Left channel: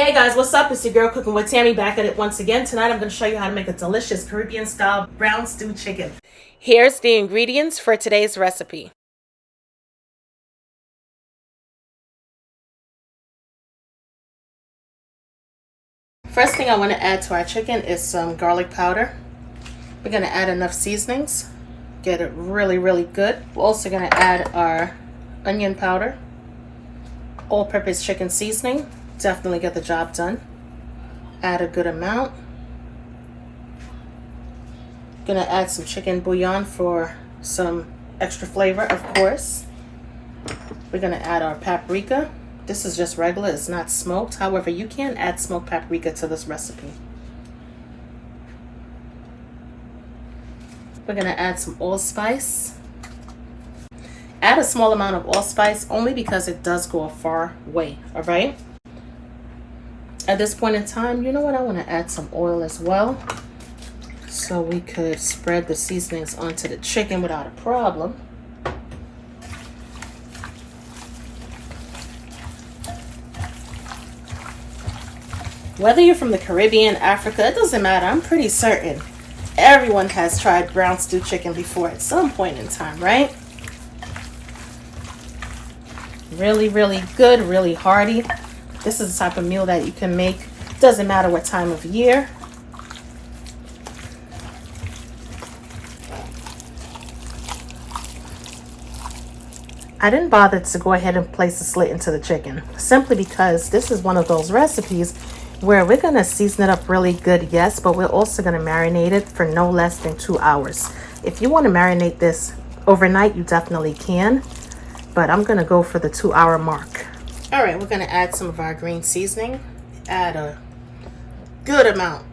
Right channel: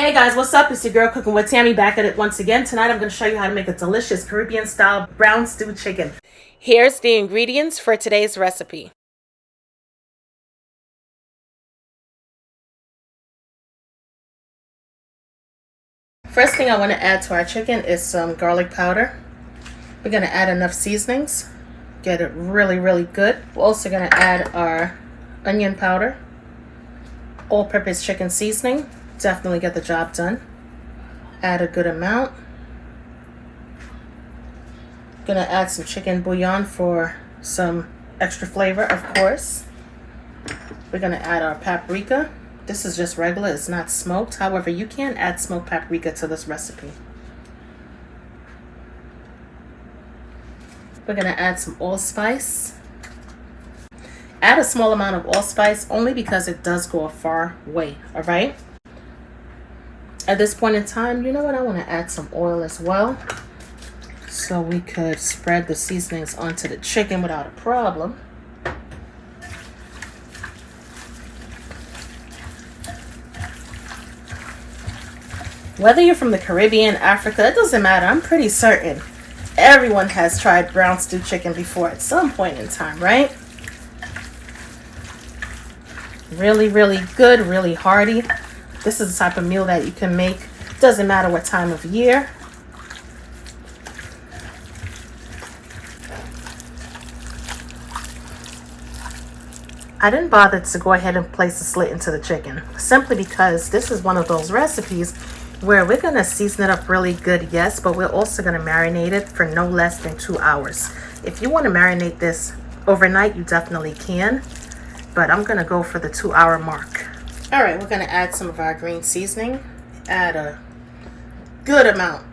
Hey guys, what's up? It's your girl Cooking with Tammy, back at it once again. Tonight I'm going to show you how to make a delicious Caribbean style brown stew chicken. Here's the ingredients for today's recipe. First thing I want to add to our chicken is some garlic powder. We're going to add enough seasonings, get it really good. We're also going to add our onion powder, all-purpose chicken seasoning. Definitely get the job done. Add a good amount. Gonna add some chicken bouillon for some extra flavor, of course. We're gonna add our paprika. This is just regular, it's not smoked. However, you can add smoked paprika to this recipe. We're gonna add some allspice. Add a small amount of allspice only because it does go a far way, all right? At this point in time, you know what? I want to add some oil as well, so we could spread the seasonings onto the chicken without a problem. Whether you're from the Caribbean, Africa, it doesn't matter. I'm pretty certain everyone has tried brown stew chicken before at some point in time, right? Really good, really hearty. This is the type of meal that you can make. Doesn't matter what time of year. I didn't bother to go ahead and place a slit into the chicken, simply because this is one of those recipes where we're going to season it up really good, yes, but we're also going to marinate it for no less than 2 hours. If you want to marinate this overnight, you definitely can, but I'm going to go for the 2-hour mark. All right, we're going to add some of our green seasoning. Add a good amount.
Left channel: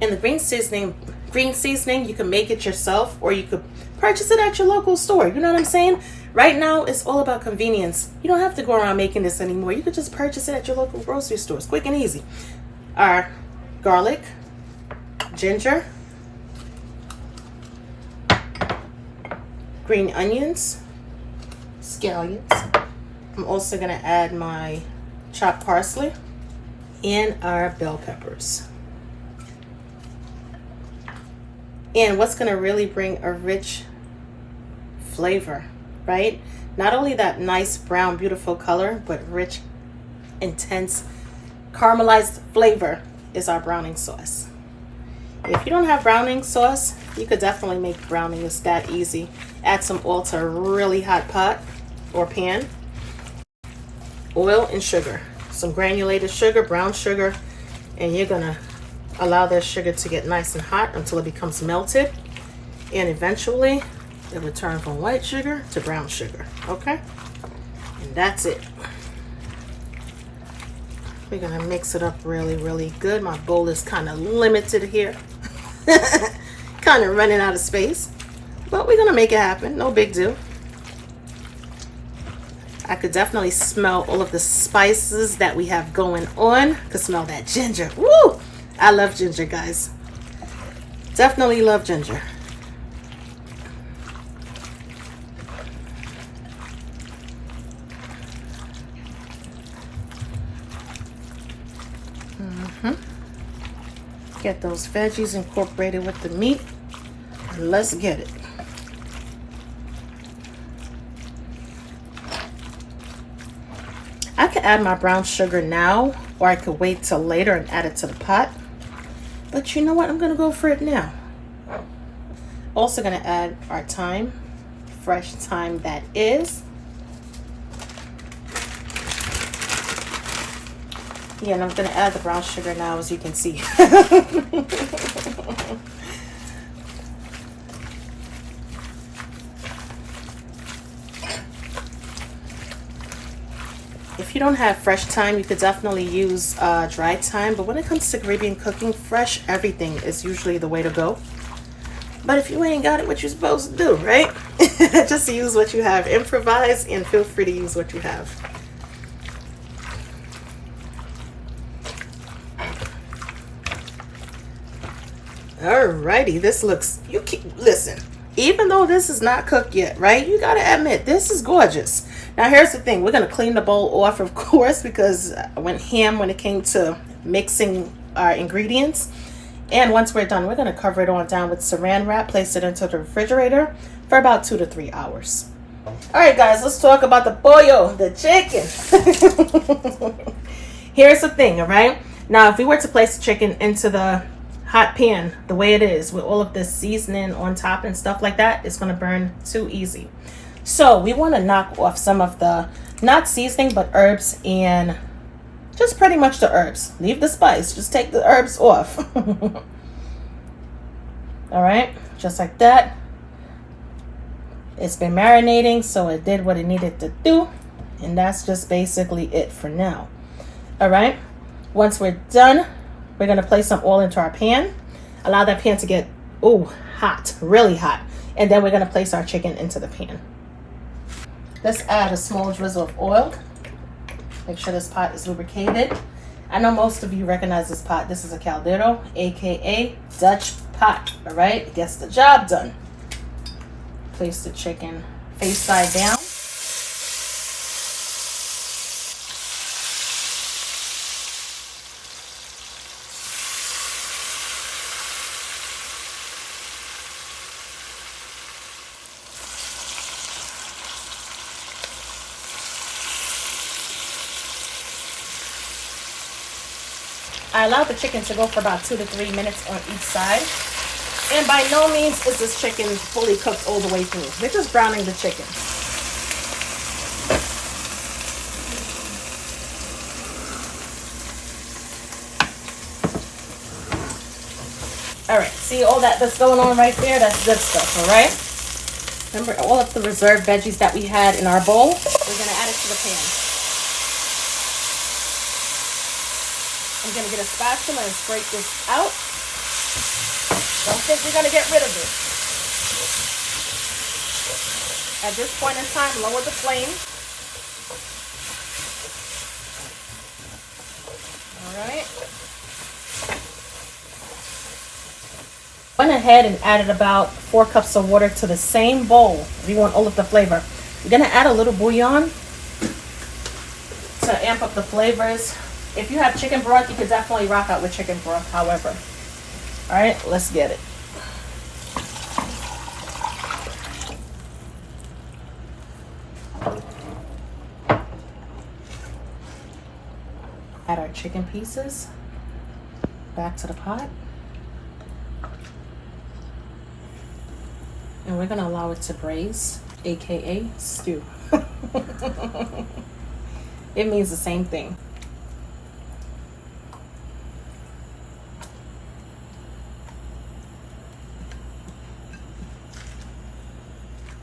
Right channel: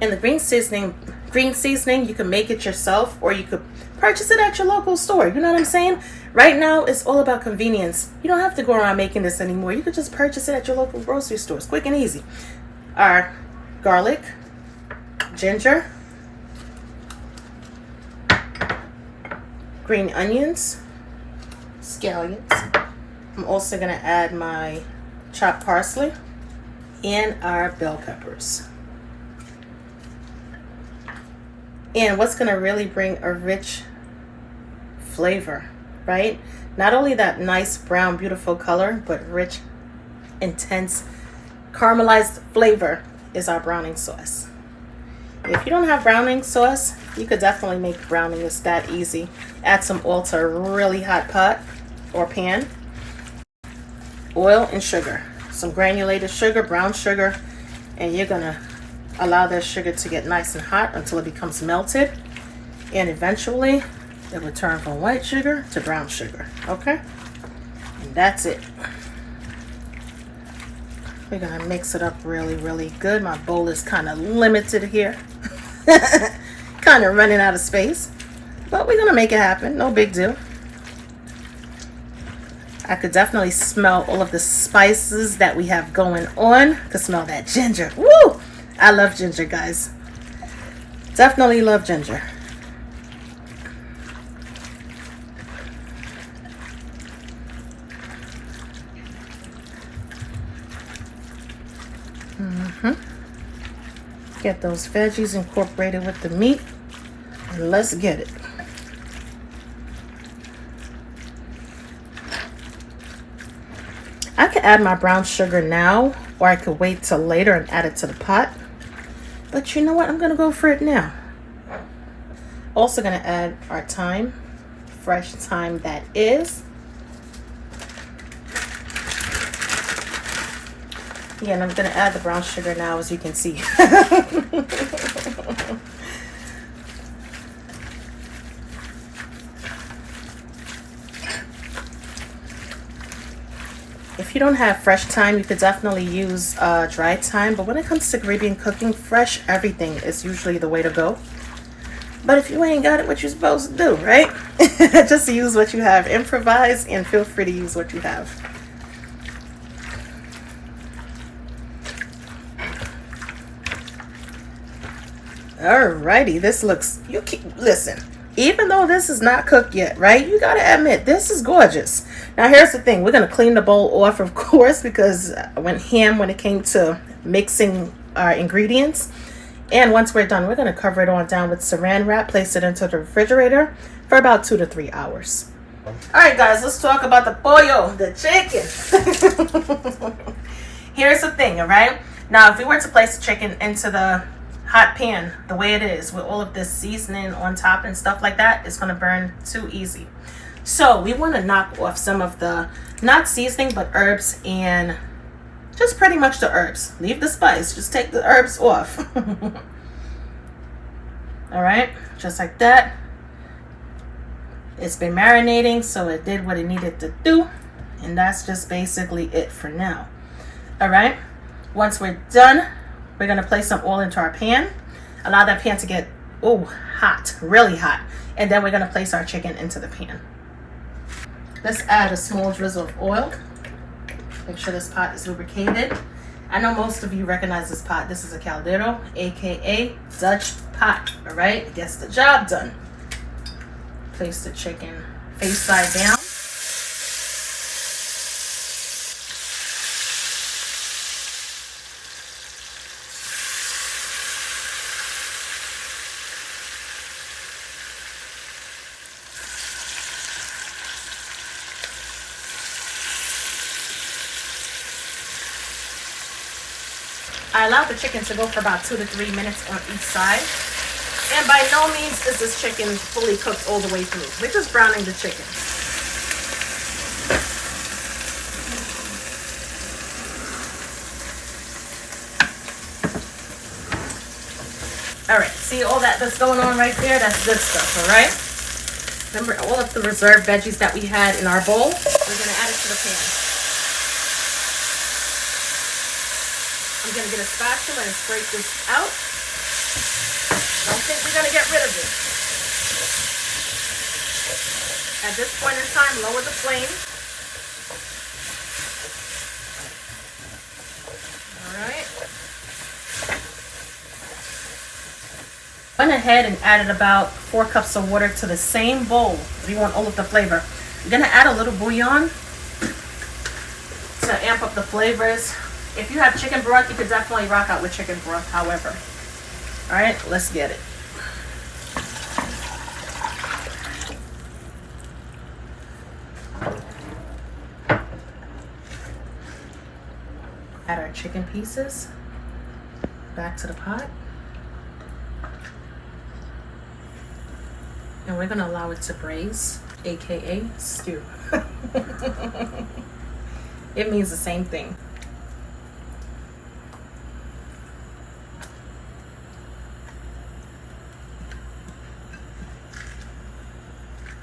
And the green seasoning, you can make it yourself, or you could purchase it at your local store. You know what I'm saying? Right now, it's all about convenience. You don't have to go around making this anymore. You could just purchase it at your local grocery store. It's quick and easy. Our garlic, ginger, green onions, scallions. I'm also going to add my chopped parsley and our bell peppers. And what's going to really bring a rich flavor, right? Not only that nice brown, beautiful color, but rich, intense, caramelized flavor is our browning sauce. If you don't have browning sauce, you could definitely make browning. It's that easy. Add some oil to a really hot pot or pan. Oil and sugar, some granulated sugar, brown sugar, and you're gonna allow that sugar to get nice and hot until it becomes melted, and eventually it will turn from white sugar to brown sugar. Okay, and that's it. We're gonna mix it up really good. My bowl is kind of limited here, kind of running out of space, but we're gonna make it happen. No big deal. I could definitely smell all of the spices that we have going on. I could smell that ginger. Woo! I love ginger, guys. Definitely love ginger. Get those veggies incorporated with the meat, and let's get it. I could add my brown sugar now, or I could wait till later and add it to the pot. But you know what? I'm going to go for it now. Also going to add our thyme, fresh thyme that is. Yeah, and I'm going to add the brown sugar now, as you can see. If you don't have fresh thyme, you could definitely use dry thyme. But when it comes to Caribbean cooking, fresh everything is usually the way to go. But if you ain't got it, what you're supposed to do, right? Just use what you have. Improvise and feel free to use what you have. Alrighty, this looks, listen, even though this is not cooked yet, right? You gotta admit, this is gorgeous. Now here's the thing. We're gonna clean the bowl off, of course, because I went ham when it came to mixing our ingredients. And once we're done, we're gonna cover it on down with saran wrap, place it into the refrigerator for about 2 to 3 hours. All right, guys, let's talk about the pollo, the chicken. Here's the thing, all right? Now, if we were to place the chicken into the hot pan the way it is with all of this seasoning on top and stuff like that, it's going to burn too easy. So we want to knock off some of the, not seasoning, but herbs, and just pretty much the herbs. Leave the spice, just take the herbs off. All right, just like that. It's been marinating, so it did what it needed to do, and that's just basically it for now. All right, once we're done, we're going to place some oil into our pan. Allow that pan to get, hot, really hot. And then we're going to place our chicken into the pan. Let's add a small drizzle of oil. Make sure this pot is lubricated. I know most of you recognize this pot. This is a caldero, aka Dutch pot. All right, it gets the job done. Place the chicken face side down. I allowed the chicken to go for about 2 to 3 minutes on each side. And by no means is this chicken fully cooked all the way through. We're just browning the chicken. All right, see all that's going on right there? That's good stuff, all right? Remember all of the reserved veggies that we had in our bowl? We're gonna add it to the pan. I'm gonna get a spatula and scrape this out. Don't think you're gonna get rid of it. At this point in time, lower the flame. All right. Went ahead and added about 4 cups of water to the same bowl. We want all of the flavor. We're gonna add a little bouillon to amp up the flavors. If you have chicken broth, you could definitely rock out with chicken broth, however. All right, let's get it. Add our chicken pieces back to the pot. And we're gonna allow it to braise, aka stew. It means the same thing.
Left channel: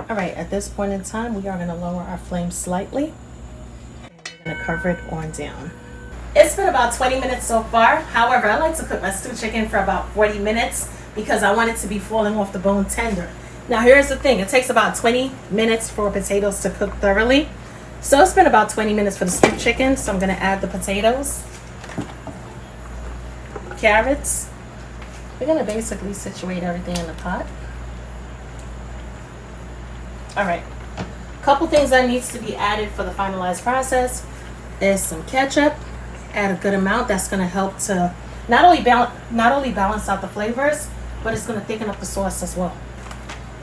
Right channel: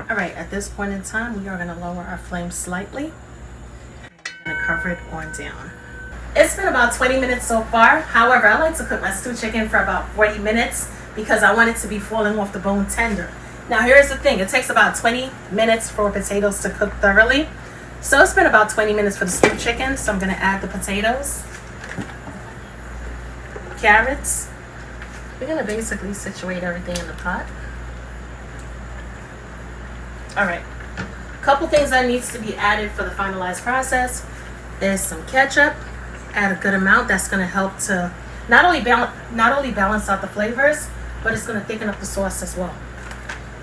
All right, at this point in time, we are gonna lower our flame slightly. And we're gonna cover it on down. It's been about 20 minutes so far. However, I like to cook my stewed chicken for about 40 minutes because I want it to be falling off the bone tender. Now, here's the thing. It takes about 20 minutes for potatoes to cook thoroughly. So it's been about 20 minutes for the stewed chicken. So I'm gonna add the potatoes, carrots. We're gonna basically situate everything in the pot. All right, a couple things that needs to be added for the finalized process. There's some ketchup. Add a good amount. That's going to help to not only balance out the flavors, but it's going to thicken up the sauce as well.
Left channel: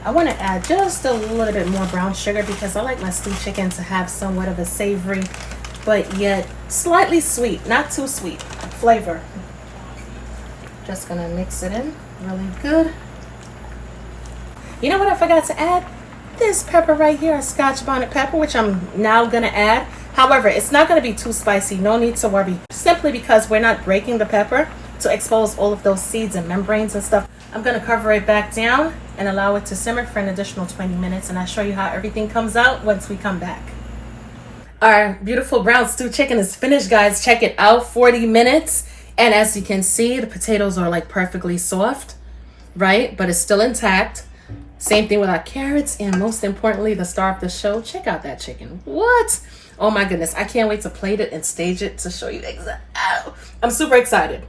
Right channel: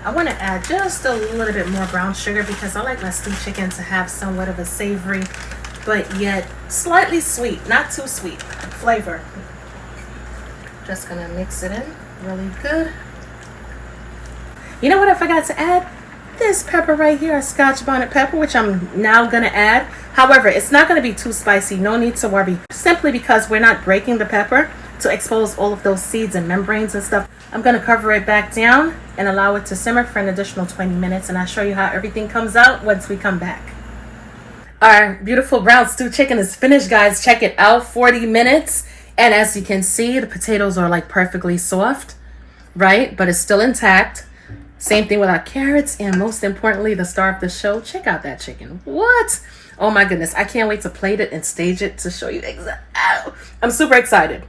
I want to add just a little bit more brown sugar because I like my stewed chicken to have somewhat of a savory, but yet slightly sweet, not too sweet flavor. Just going to mix it in really good. You know what I forgot to add? This pepper right here, a Scotch bonnet pepper, which I'm now going to add. However, it's not going to be too spicy. No need to worry. Simply because we're not breaking the pepper to expose all of those seeds and membranes and stuff. I'm going to cover it back down and allow it to simmer for an additional 20 minutes. And I'll show you how everything comes out once we come back. Our beautiful brown stewed chicken is finished, guys. Check it out. 40 minutes. And as you can see, the potatoes are like perfectly soft, right? But it's still intact. Same thing with our carrots, and most importantly, the star of the show, check out that chicken. What? Oh my goodness, I can't wait to plate it and stage it to show you exactly. I'm super excited.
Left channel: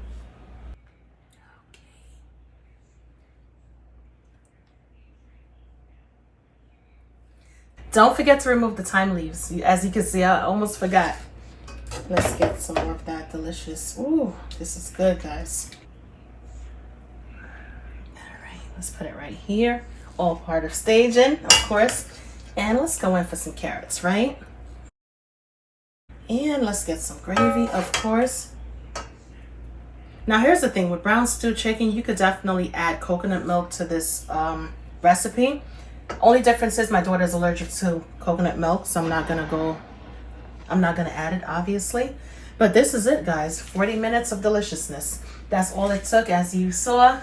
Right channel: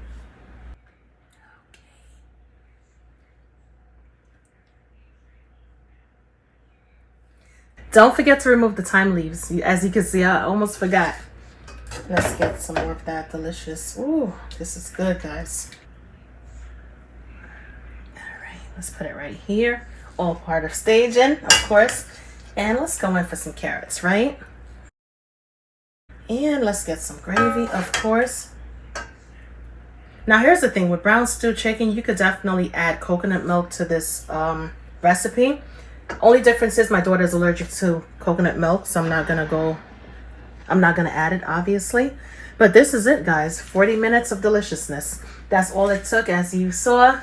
Don't forget to remove the thyme leaves. As you can see, I almost forgot. Let's get some more of that delicious. Ooh, this is good, guys. All right, let's put it right here. All part of staging, of course. And let's go in for some carrots, right? And let's get some gravy, of course. Now, here's the thing. With brown stew chicken, you could definitely add coconut milk to this recipe. Only difference is my daughter's allergic to coconut milk, so I'm not gonna add it, obviously. But this is it, guys. 40 minutes of deliciousness. That's all it took. As you saw,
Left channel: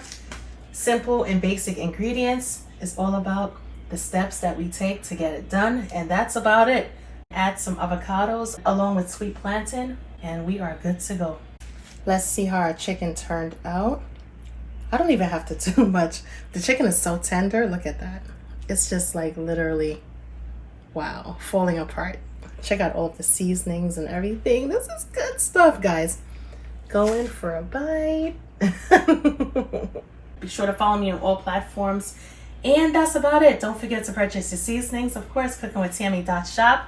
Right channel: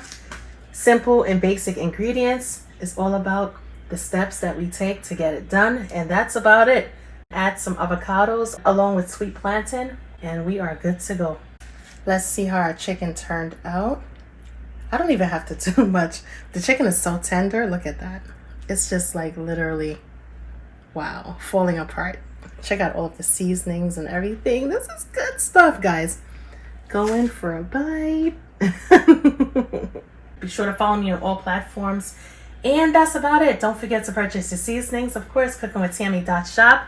simple and basic ingredients. It's all about the steps that we take to get it done, and that's about it. Add some avocados along with sweet plantain, and we are good to go. Let's see how our chicken turned out. I don't even have to do much. The chicken is so tender. Look at that. It's just like literally, wow, falling apart. Check out all of the seasonings and everything. This is good stuff, guys. Go in for a bite. Be sure to follow me on all platforms. And that's about it. Don't forget to purchase your seasonings. Of course, cookingwithtammy.shop.